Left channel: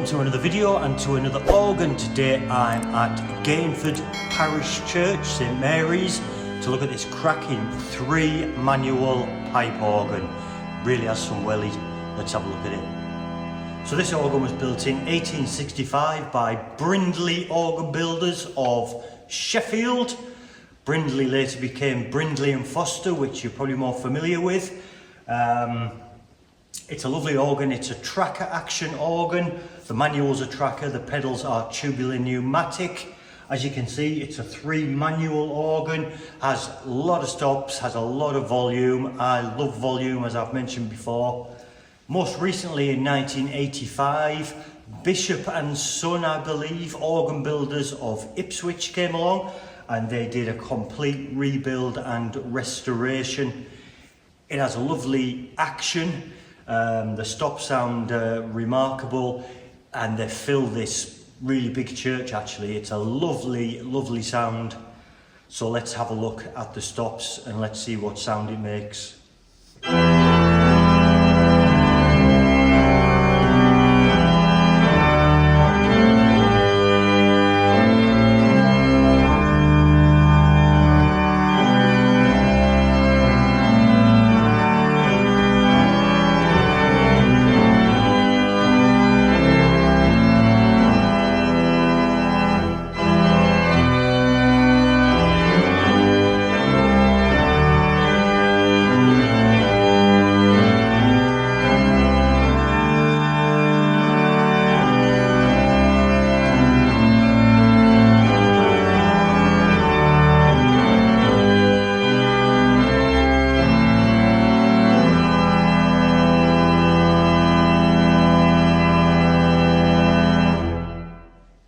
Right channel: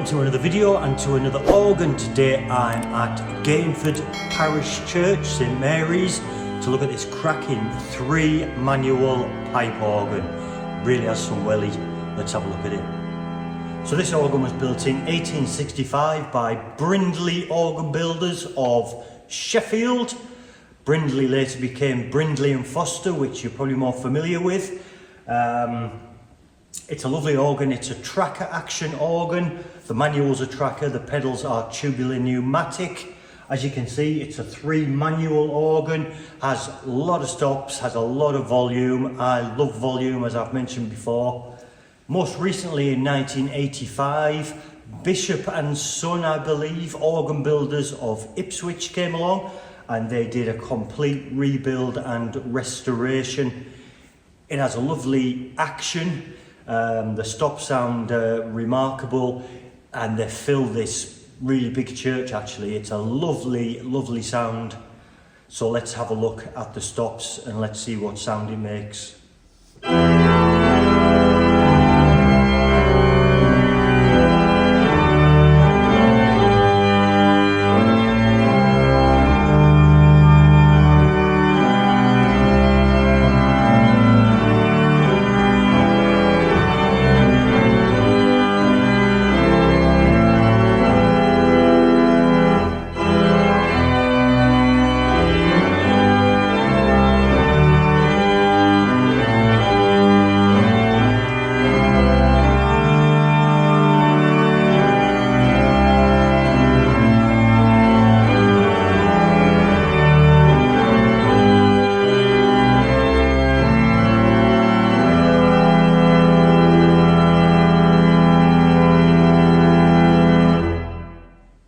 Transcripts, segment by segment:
welcome to another video and to another organ. Today I'm at Gainford Parish Church, St Mary's, to look at this cracking 3-manual pipe organ. Really has some wellies. Let's have a look at it. So this organ was built in 1865 by Brindley organ builders of Sheffield. Brindley later became Brindley and Foster, which you're probably more familiar with. It's a lovely organ. It's a tracker action organ. The manual's a tracker, the pedals are tubular pneumatic. As you can see, it's a 3-manual organ, has a lot of stops, has a lot of volume. I love volume, as I've mentioned before. Most recently in 1985, Bishop and Son, I believe, organ builders of Ipswich came along and they did a complete rebuild and restoration. It has a lovely action. The stops sound remarkable, and they fill this really big church. Actually, it's a lovely sound. So let's have a look at the stops and let's see what sound it makes.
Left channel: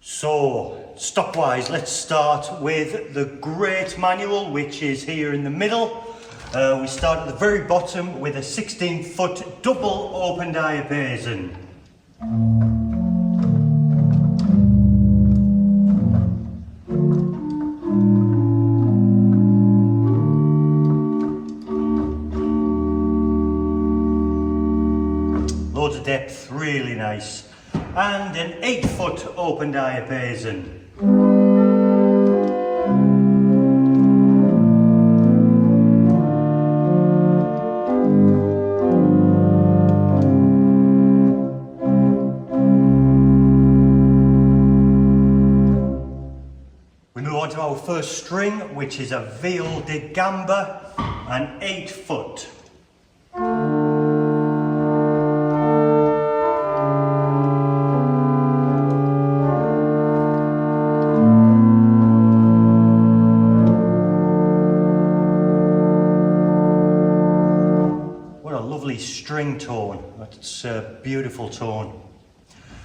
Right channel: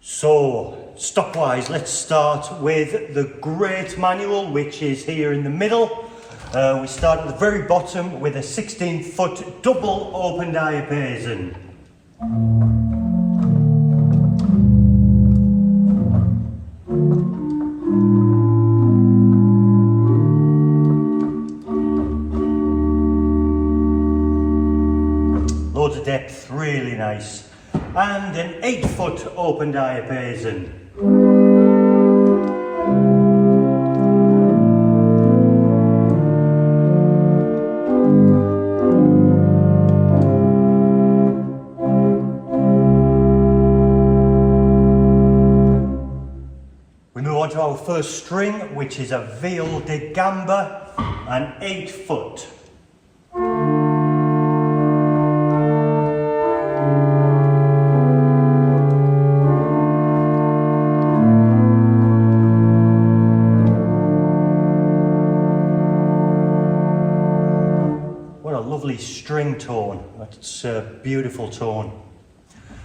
So, stop-wise, let's start with the great manual, which is here in the middle. We start at the very bottom with a 16-foot double open diapason. Loads of depth, really nice. And an 8-foot open diapason. We move on to our first string, which is a viol de gamba, an 8-foot. Lovely string tone. That's a beautiful tone.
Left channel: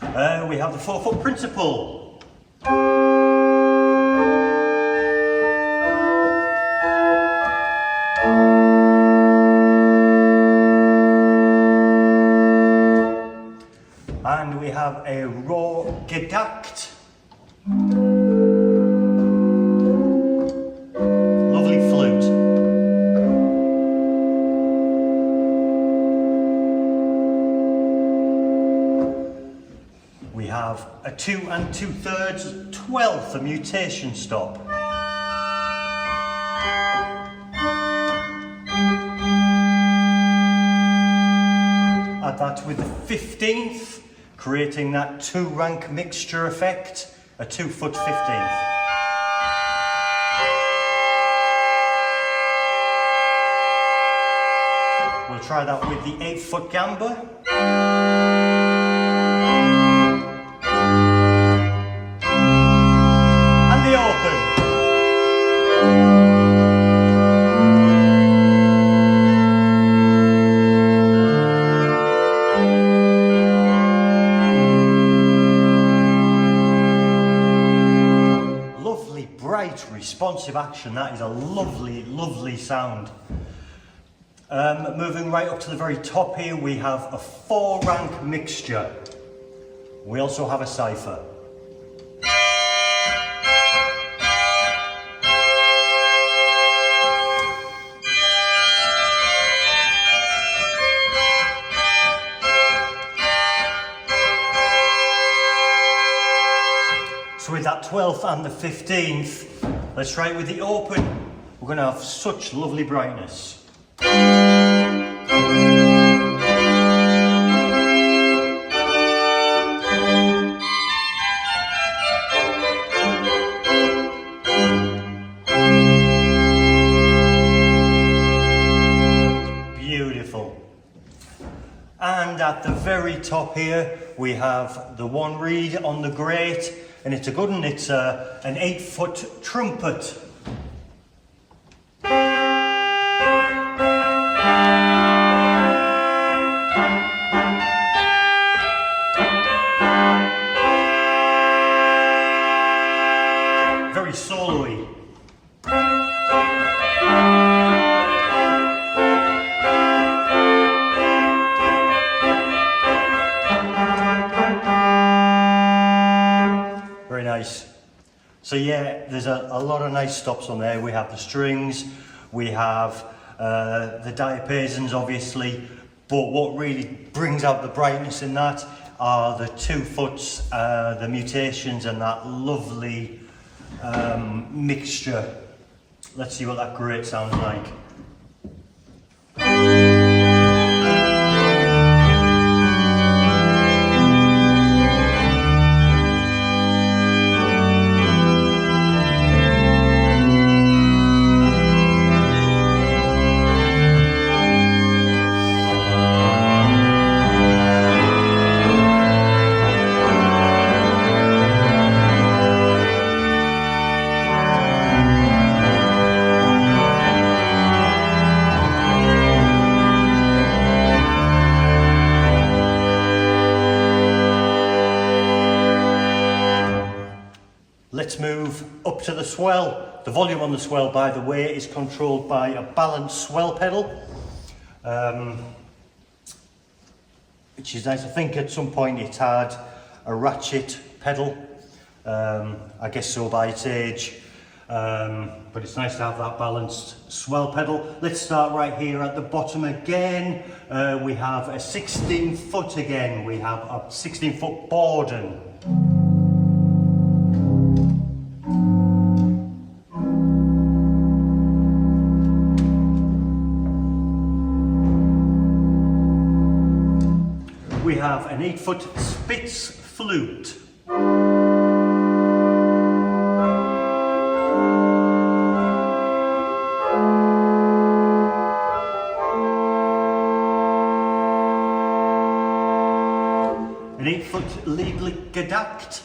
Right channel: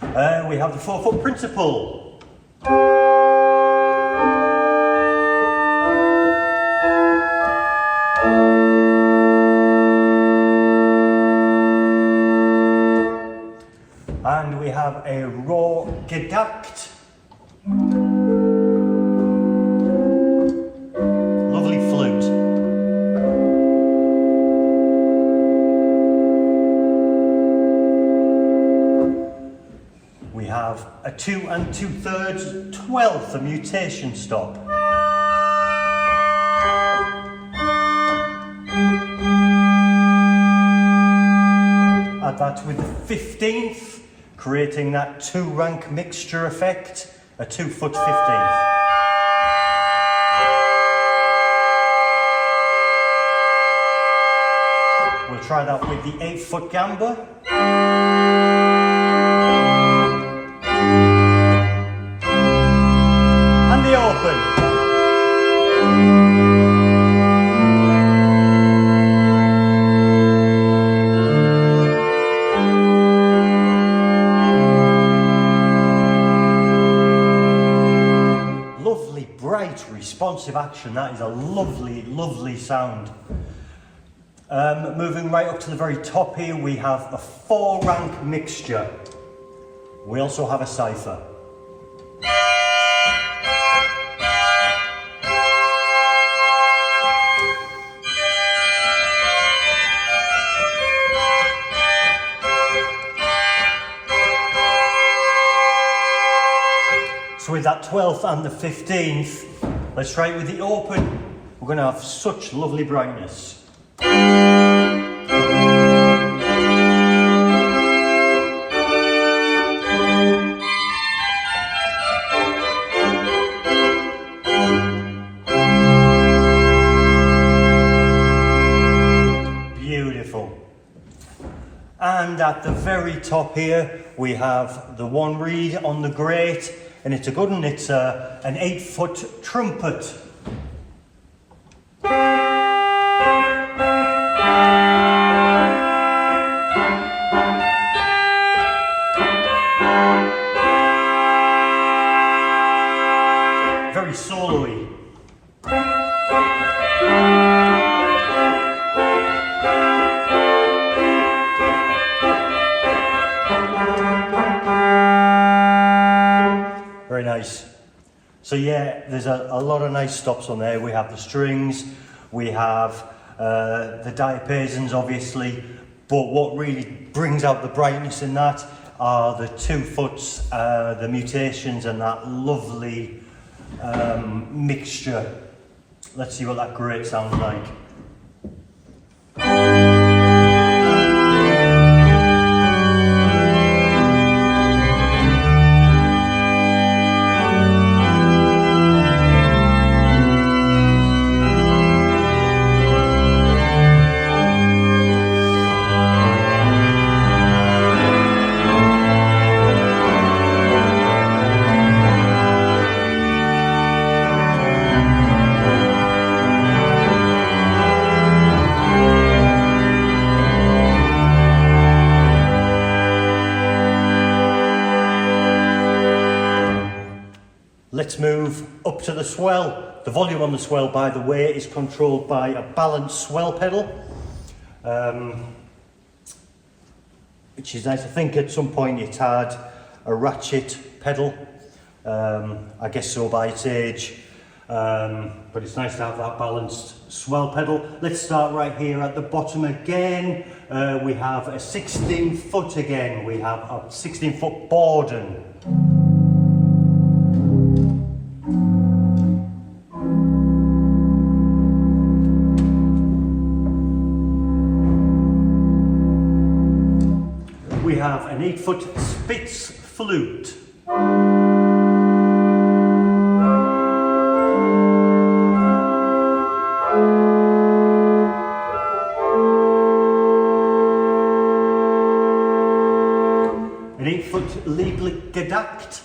We have the 4-foot principal. And we have a raw gedakt. Lovely flute. We have a 2 2/3 12th, a mutation stop. Add that with the 15th, creating that 2-rank mixture effect, a 2-foot 15th. We'll try that with the 8-foot gamba. And the open. Lovely, bright, responsive action. That is a lovely sound. Moving right up to the very top here, we have a 4-rank mixture. We also have a cipher. So with that 12th and the 15th, let's try it with the open. We're going to have such lovely brightness. Beautiful. And at the very top here, we have the one reed on the grate, and it's a good one. It's an 8-foot trumpet. Very solo-y. Very nice. So yeah, there's a lot of nice stops on there. We have the strings, we have the diapasons obviously, but what really brings out the brightness in that are the 2 foots, the mutations and that lovely mixture. Let's see what that grate sounds like. Let's move up to the swell. The volume on the swell, by the way, is controlled by a balanced swell pedal, which is nice. I think at some point it had a ratchet pedal, I guess so by its age, but it's nice to have that balanced swell pedal. Let's start right here at the bottom again. We have a 16 foot again. We have a 16 foot Borden. We have an 8-foot Spitz flute. An 8-foot Lieblich-Gedackt.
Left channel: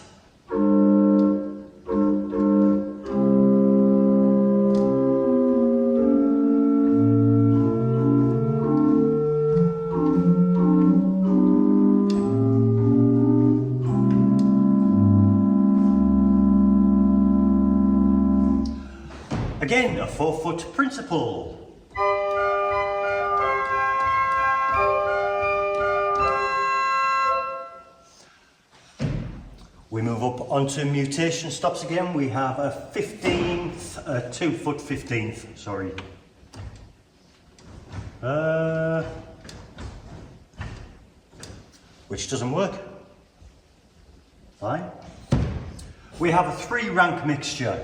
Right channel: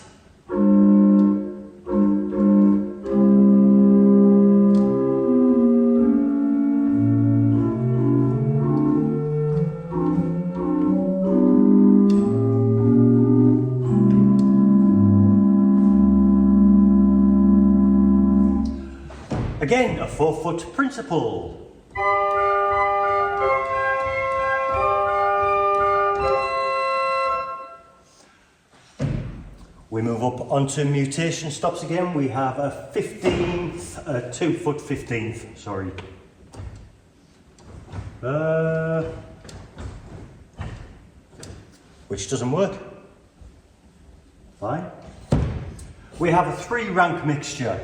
Again, a 4-foot principal. We move up onto mutation stops again. We have a 15th, a 2-foot 15th, sorry. Which doesn't work. Fine. We have a 3-rank mixture.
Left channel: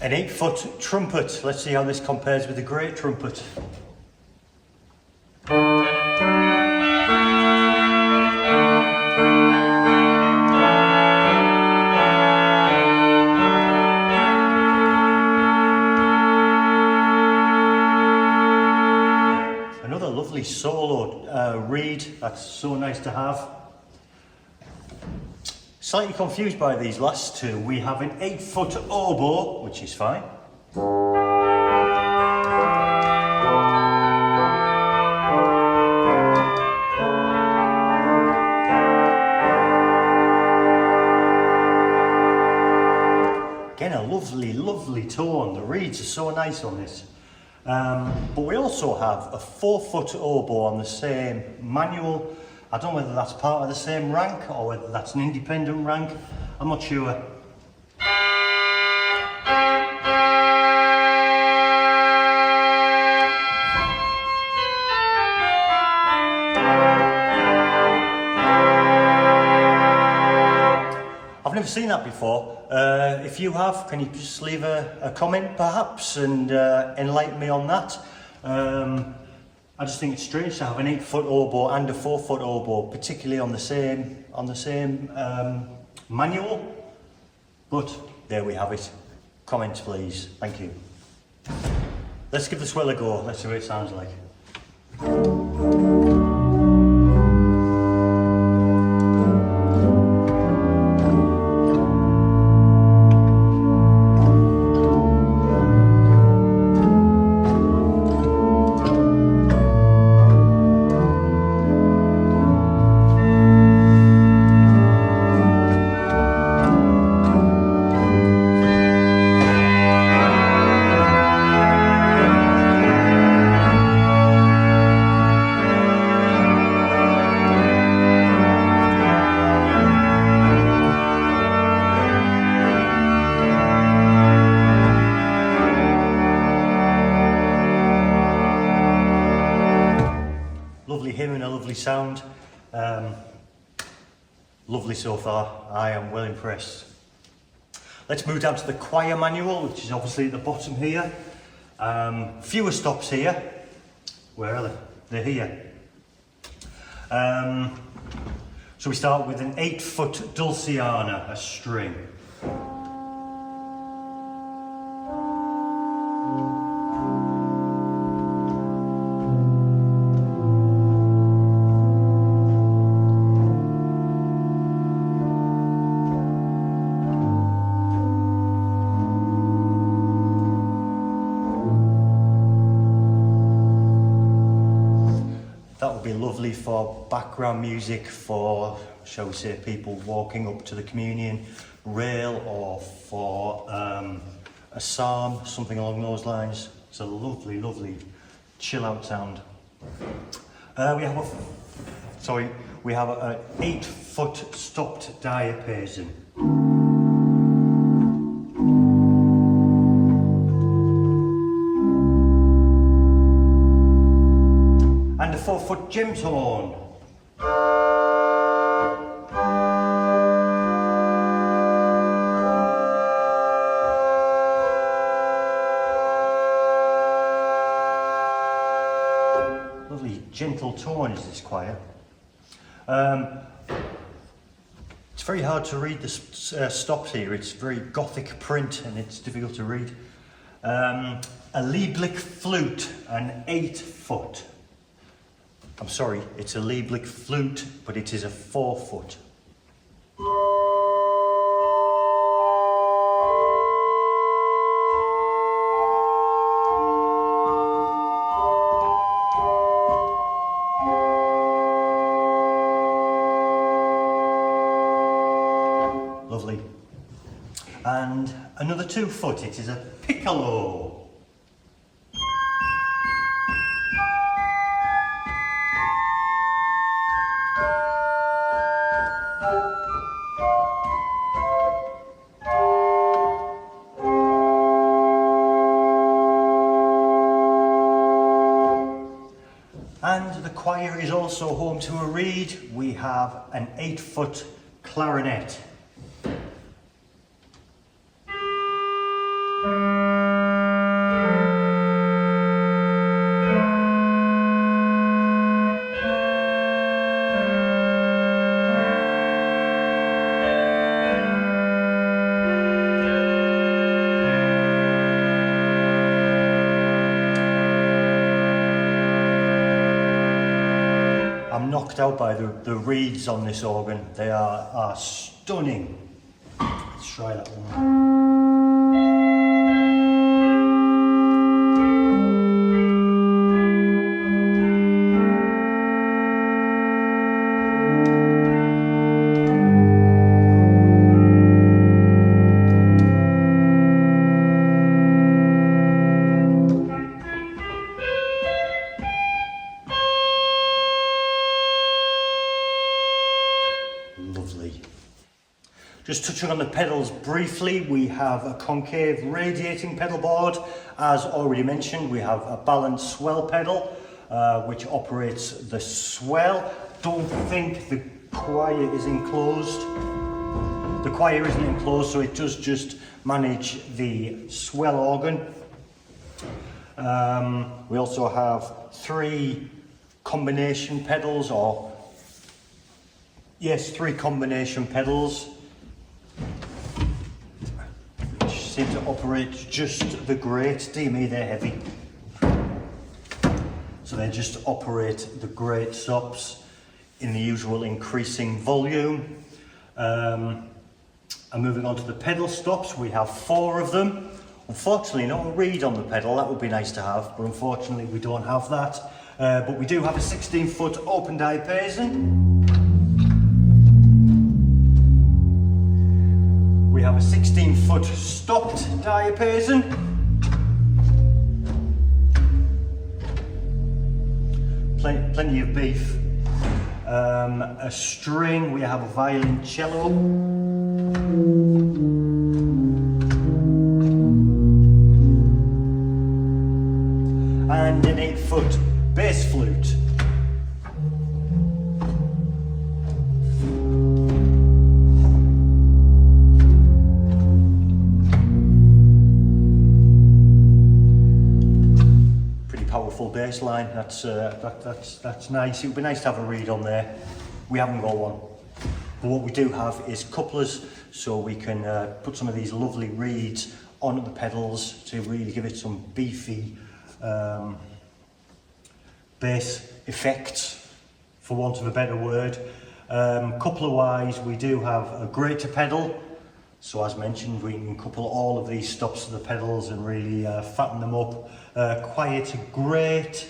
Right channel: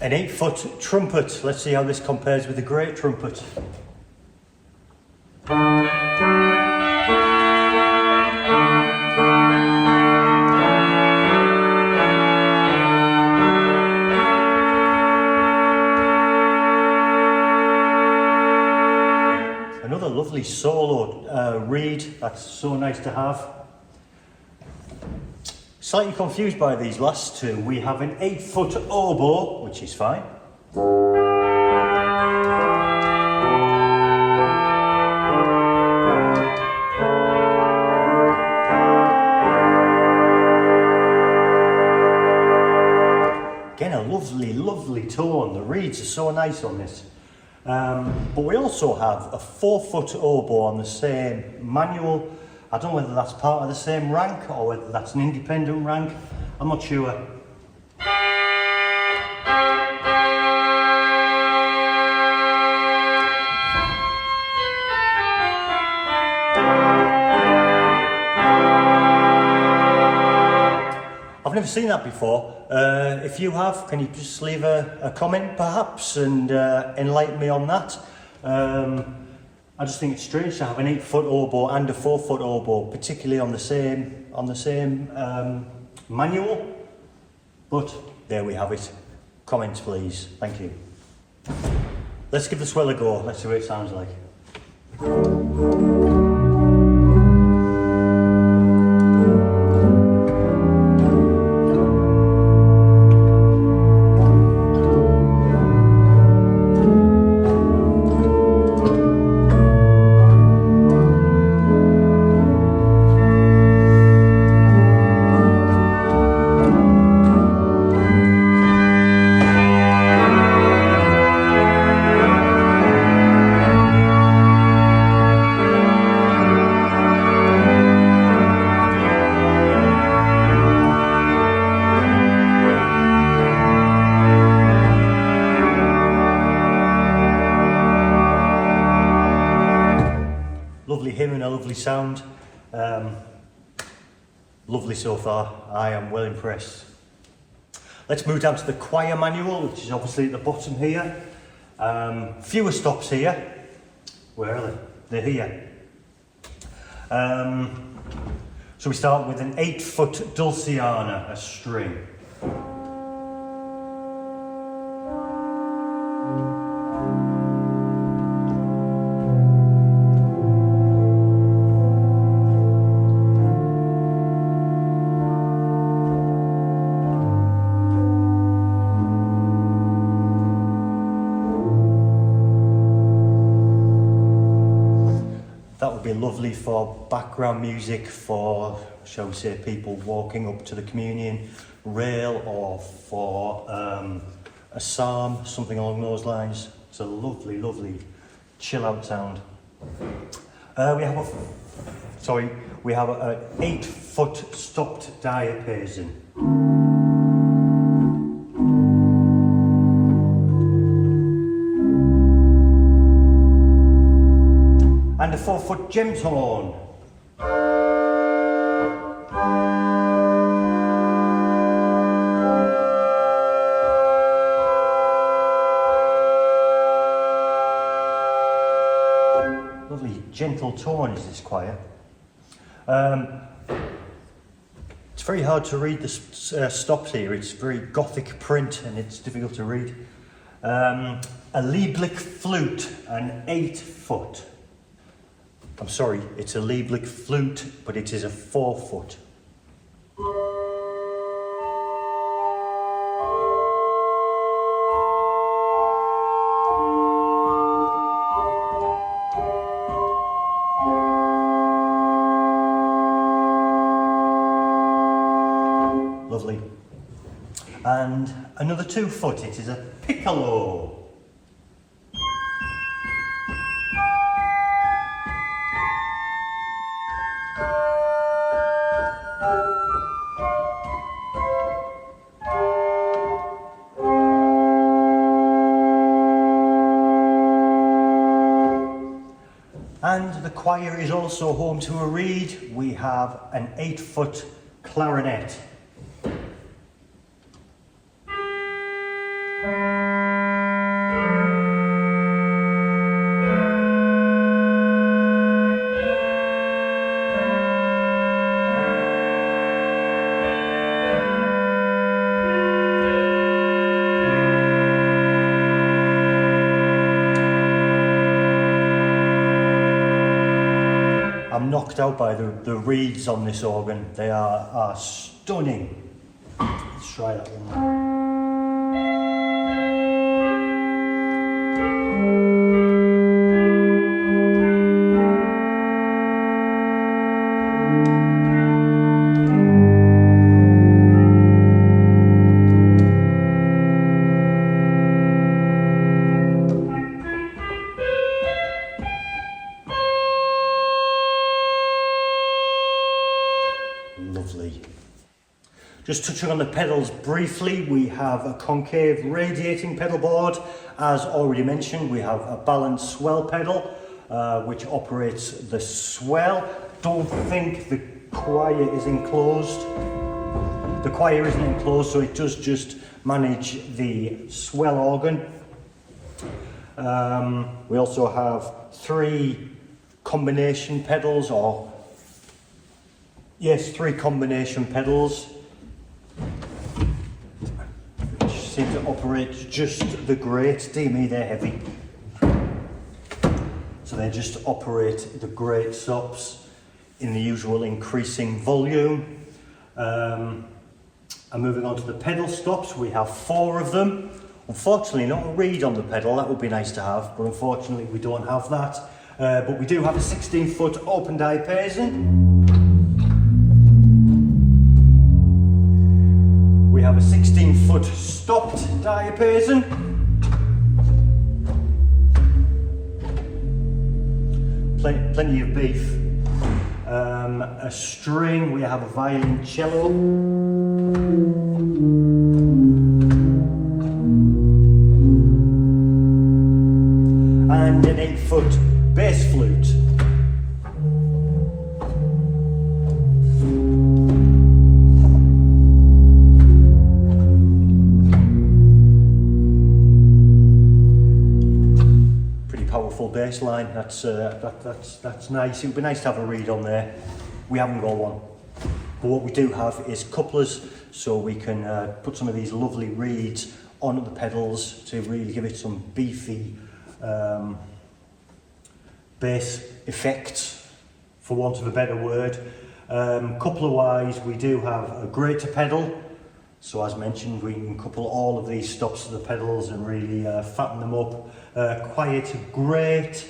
An 8-foot trumpet. Let's see how this compares with the great trumpet. Another lovely solo reed. That's so nice to have. Slightly confused by these last two. We have an 8-foot oboe, which is fine. Again, a lovely tone. The reeds are so nice on this. But we also have a 4-foot oboe on the same manual. I don't know whether that's part of the same rank or whether that's an independent rank. I'm not sure. I've never seen that before. If you have, can you just leave a comment perhaps and enlighten me on that? I just think it's strange to have an 8-foot oboe and a 4-foot oboe, particularly on the same manual. But there we have it. Comments please, thank you. Let's give the Swell a go, let's see what it sounds like. Lovely hymn and a lovely sound. Lovely so far. I am well impressed. Let's move down to the choir manual, which is obviously at the bottom here. Fewer stops here. Where are they? They're here. So we start with an 8-foot dulciana, a string. That would be lovely for background music for, shall we say, people walking up to the communion rail, or for a psalm, something along those lines. It's a lovely, lovely chill out sound. We have an 8-foot stopped diapason. And a 4-foot gems horn. Lovely gentle tone is this choir. It's very hard to read the stops here. It's very Gothic print and it's difficult to read. A Lieblich flute, an 8-foot. I'm sorry, it's a Lieblich flute, but it is a 4-foot. Lovely. And another 2-foot, it is a piccolo. And the choir is also home to a reed. We have an 8-foot clarinet. I'm knocked out by the reeds on this organ. They are stunning. Let's try that one. Lovely. Just touching on the pedals briefly, we have a concave radiating pedal board. As already mentioned, we have a balanced swell pedal, which operates the swell. Don't think the choir is enclosed. The choir isn't enclosed, so it does just manage the swell organ. We also have 3 combination pedals, three combination pedals, which seem to operate just the great. DME, they're heavy, so they just operate the great stops in the usual increasing volume. And moving on to the pedal stops, we have 4 of them. Unfortunately, not a reed on the pedal. That would be nice to have, but unfortunately we don't have that. But we do have a 16-foot open diapason. We have a 16-foot stopped diapason. Plenty of beef. A string, we have a violoncello. And an 8-foot bass flute. Pretty powerful bass line. That's nice. It would be nice to have a reed on there. We haven't got one, but what we do have is couplers, so we can put some of these lovely reeds onto the pedals to really give it some beefy bass effects, for want of a better word. Coupler wise, we do have a greater pedal, so as mentioned, we can couple all of these stops to the pedals and really fatten them up. Quiet to great,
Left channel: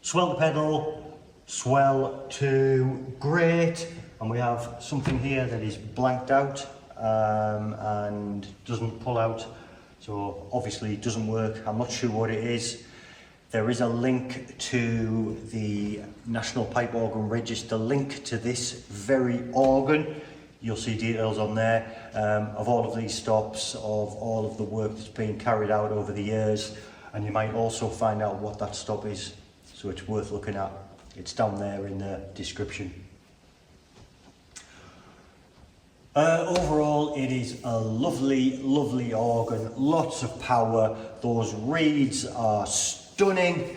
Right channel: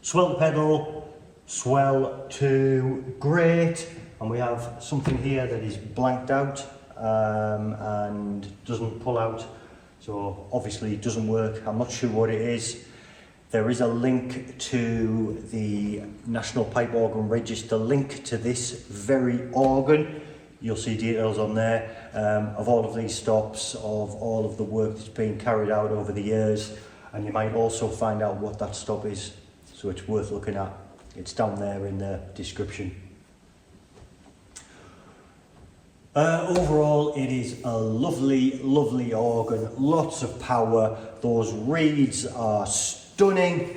swell to pedal, swell to great, and we have something here that is blanked out and doesn't pull out, so obviously it doesn't work. I'm not sure what it is. There is a link to the National Pipe Organ Register link to this very organ. You'll see details on there of all of these stops, of all of the work that's been carried out over the years, and you might also find out what that stop is, so it's worth looking at. It's down there in the description. Overall, it is a lovely organ, lots of power. Those reeds are stunning.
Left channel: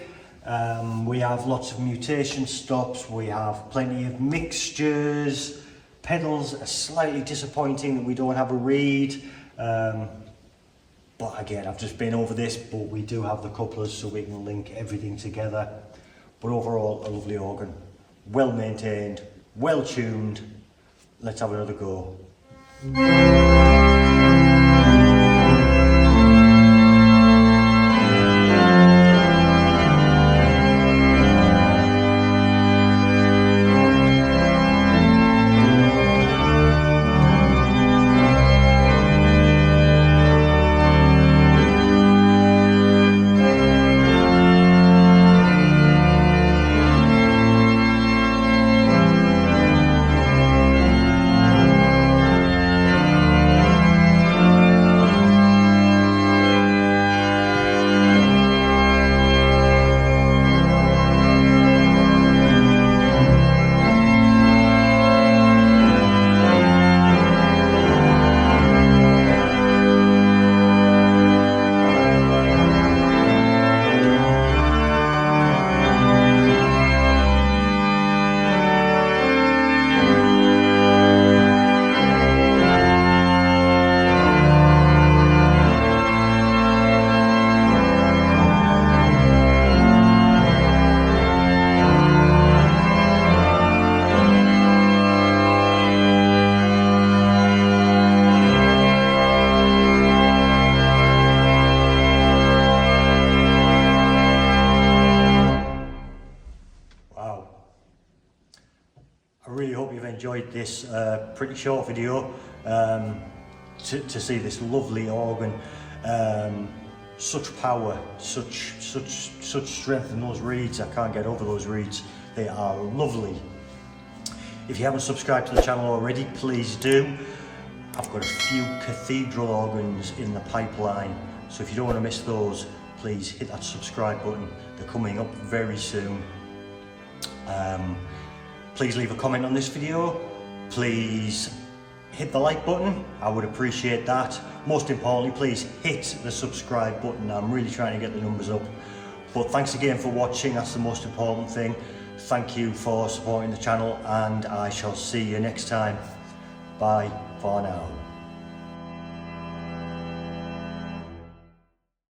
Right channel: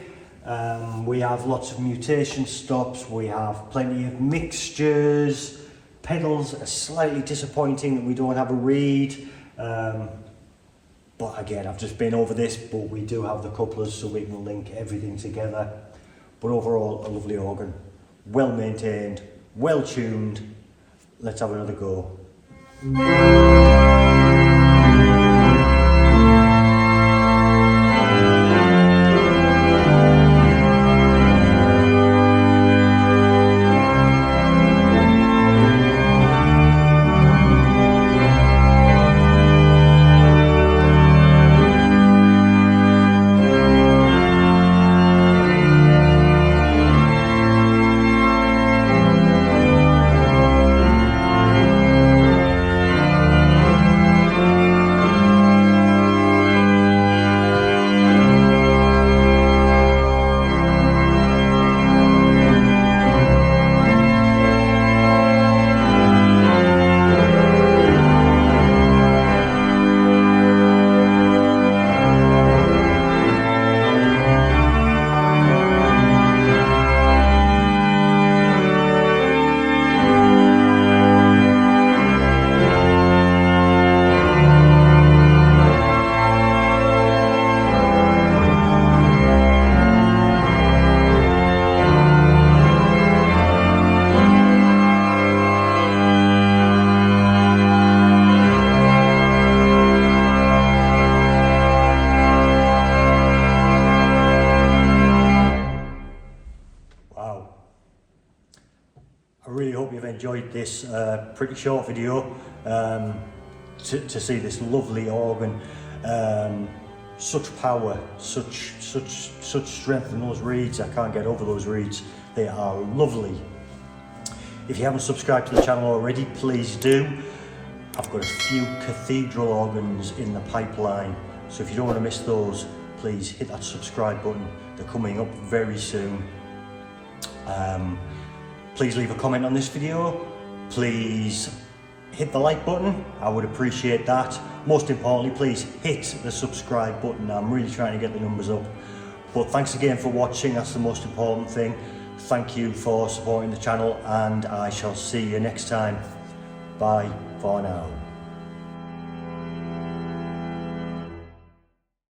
We have lots of mutation stops, we have plenty of mixtures. Pedals are slightly disappointing that we don't have a reed, but again, I've just been over this, but we do have the couplers so we can link everything together. But overall, a lovely organ, well maintained, well tuned. Let's have another go. Enjoyed this pretty short video to see this lovely organ, such power, such strength in those reeds. I can't get over those reeds, they are lovely. If you haven't subscribed to the channel already, please do. I've got a few cathedral organs in the pipeline, so if you don't want to miss those, please hit that subscribe button. They're coming up very soon. Please leave a comment on this video. Please hit the like button, I would appreciate that. Most importantly, please hit the subscribe button. I'm really trying to get the numbers up. But thanks again for watching, that's the most important thing. Thank you for supporting the channel, and I shall see you next time. Bye for now.